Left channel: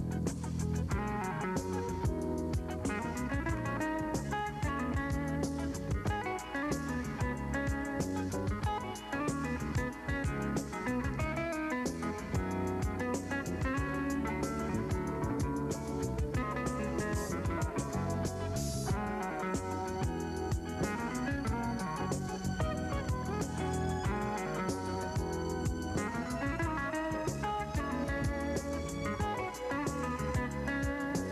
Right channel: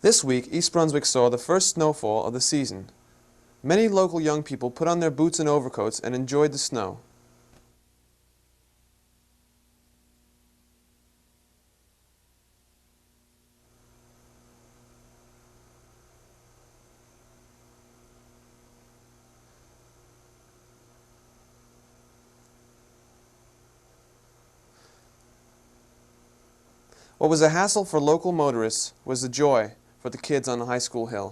This week, East Brunswick saw the first snowfall of the season. Many local young people put on their boots and overcoats and enjoyed the snow. What was a hassle for local motorists was a joy for the kids on the high school hill.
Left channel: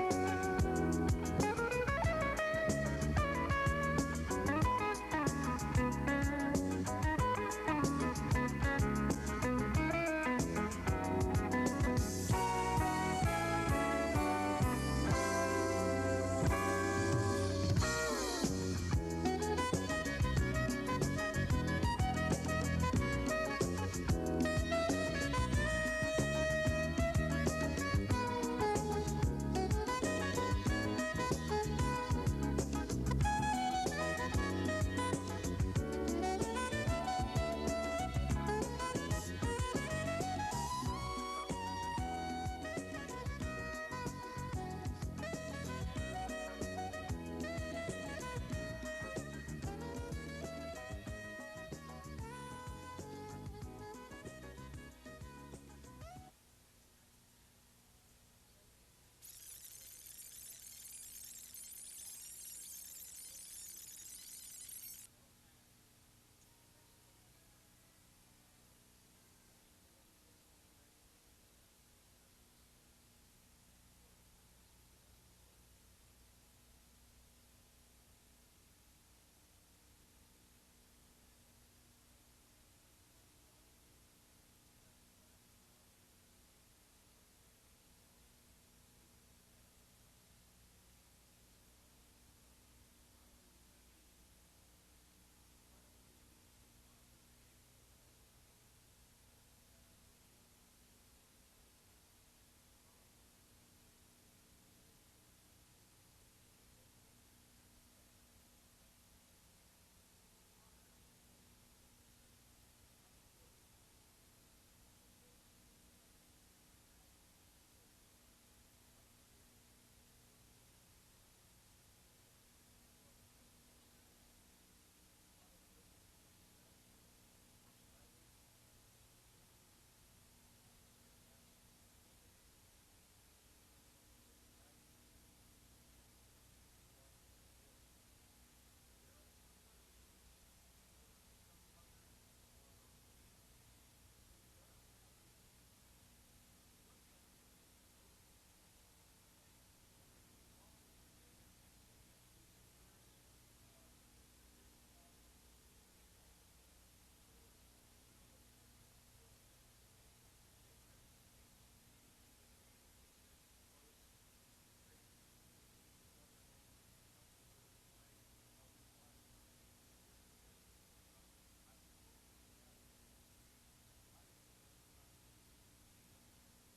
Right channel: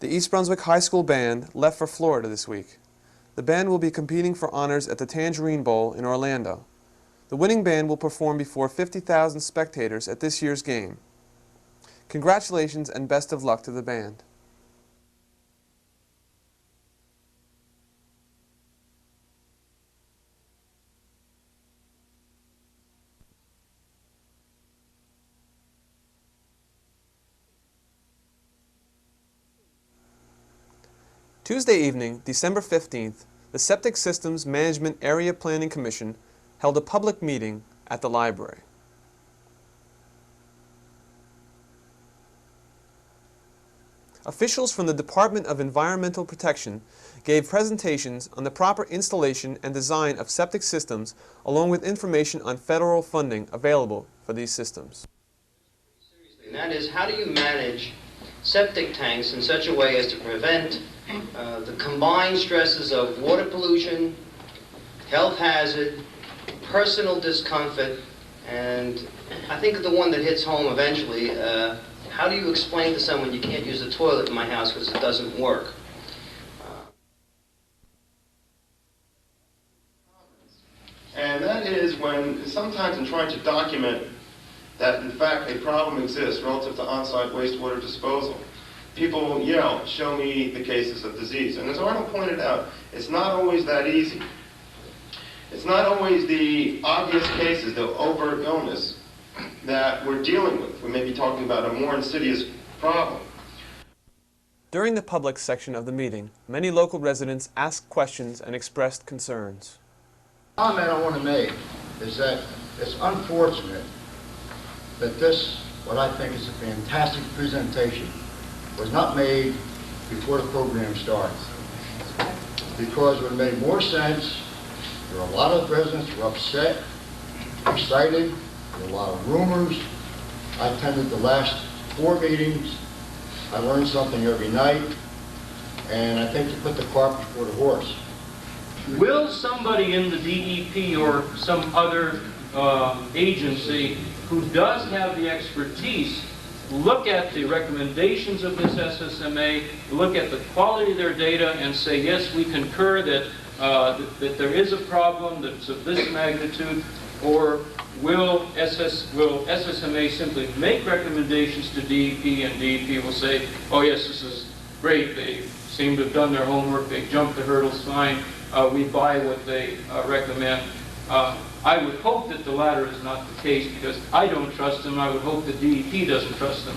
The East Brunswick High School Band left for Florida this week. The band will be competing for honors at the Tangerine Bowl in Orlando. The winning band will perform before 50,000 spectators at this year's game. Congratulations and best of luck to the band. Tuesday evening, December 15th, the Septic Systems Management Area Planning Commission held a public meeting at the library. Officials from the Department of Environmental Protection gave presentations on the proper installation and design of septic systems, along with information on federal funding available for these systems. And that is, how do you manage septic tanks in such a way as to prevent the combined stresses of water pollution, health hazard, personal discomfort, and I think the one that hits home eventually, how do you explain to someone you can't use the toilet in my house because it doesn't work? And that is when, sometimes in trying to document that in fact a problem exists relative to on-site wastewater disposal, people will yell, "Show me the cases of disease." And as Arnold pointed out, it's not always that easy. It's not always the obvious cases, the overt illness that we're dealing with. We may be talking about a more insidious problem. During the public section of the meeting, many local residents asked questions and expressed concerns. The comment I want to make is that it's unfortunate that this, what I think is a fantastic presentation, was not made before the program starts. Because it would have made more sense. There were a lot of residents who were upset, excited, there were a lot of rumors. I attended the last 4 meetings. I learned something every night. And I think to put the cart before the horse. Will somebody in the DEP or some other agency who does have the expertise look at the recommendations of this SSMA, look at the quality of their data, and say, yes, we concur that, that there is a problem that's of this magnitude, or will SSMA simply make recommendations to DEP, and DEP will say, oh yes, this is great, they seem to have done their homework, they jumped the hurdles fine, we buy what they recommend. I would hope that the latter is not the case, because I don't trust them. I would hope that DEP doesn't trust them.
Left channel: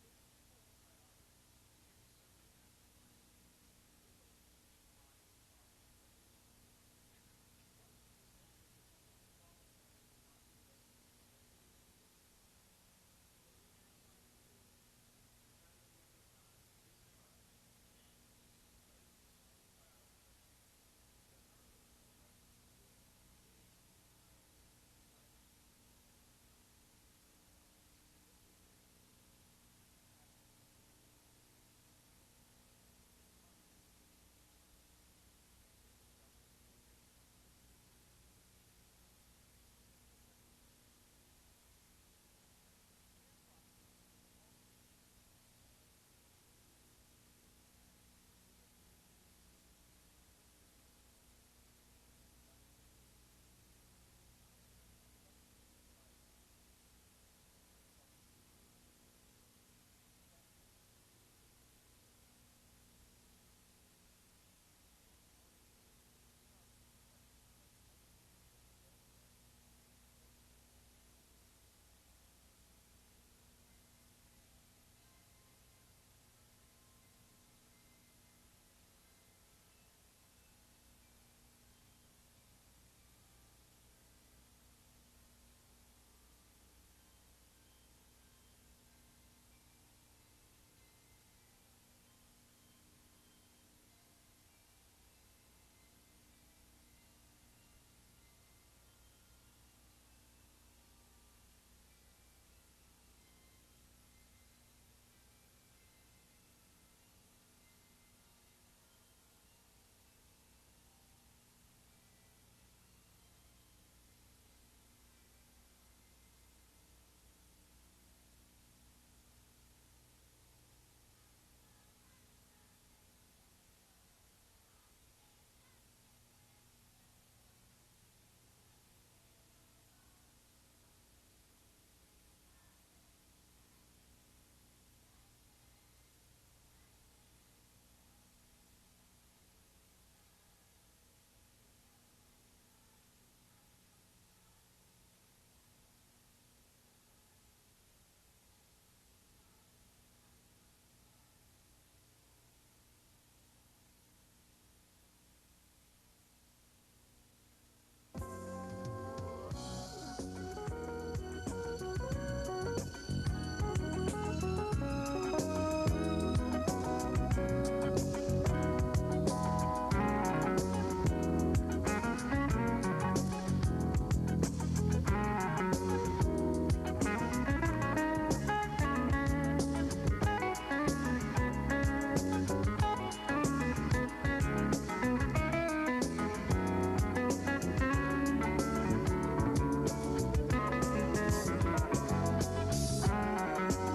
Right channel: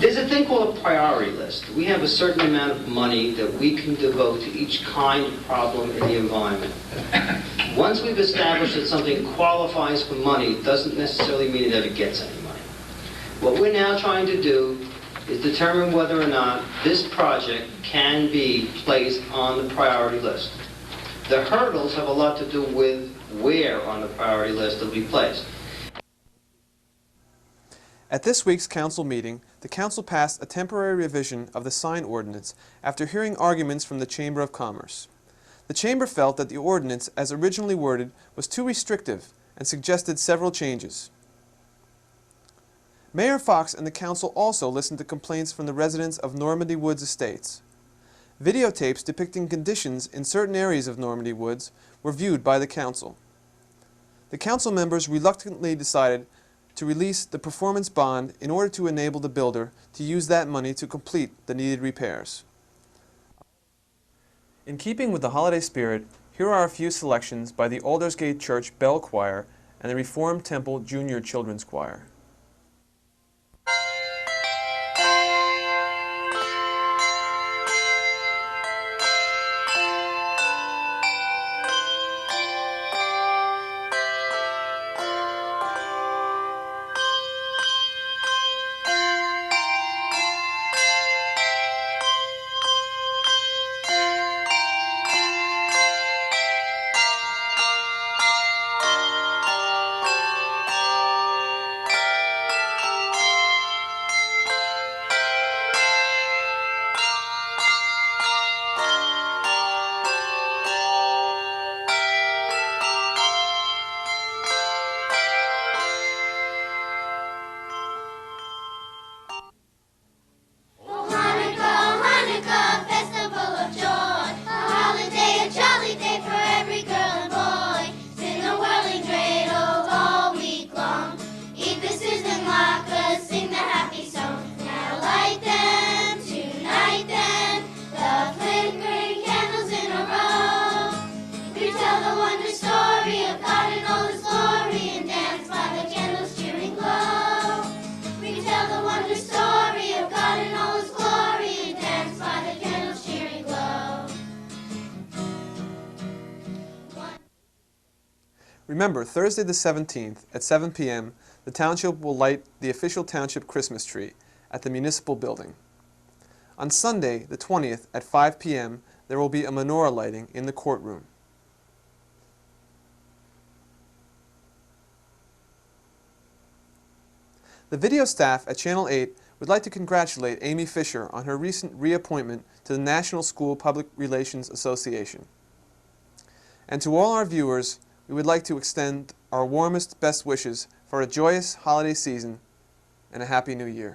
There's a thing called a priority list. We have a certain amount of money that we can devote to each kind of problem in the environment. Once we've established that something qualifies for money, it doesn't necessarily mean it ever gets any money. What we're now trying to do is determine whether or not this project can be placed on the priority list. The hurdles have a lot to do with where on the priority list it'll be placed. At this week's council meeting, the council passed a temporary revision of the sign ordinance after hearing arguments from the Chamber of Commerce. The Chamber felt that the ordinance, as originally worded, was too restrictive and suggested several changes. Mayor Fox and the council also listened to complaints from the residents of Normandy Woods Estates. Videotapes depicting conditions in certain areas of Normandy Woods were viewed by the council. The council members reluctantly decided to release the performance bond in order to enable the builder to use that money to complete the needed repairs. In keeping with the holiday spirit, here are a few selections by the Aldersgate Church Bell Choir and the Reformed Temple Junior Children's Choir. Remember, Thursday the 17th at 7 p.m., the township will light the official township Christmas tree at the municipal building. On Sunday, the 20th at 5 p.m., there will be a menorah lighting in the courtroom. The video staff at Channel 8 would like to congratulate Amy Fisher on her recent reappointment to the National School Public Relations Association. And to all our viewers, we would like to extend our warmest, best wishes for a joyous holiday season and a Happy New Year.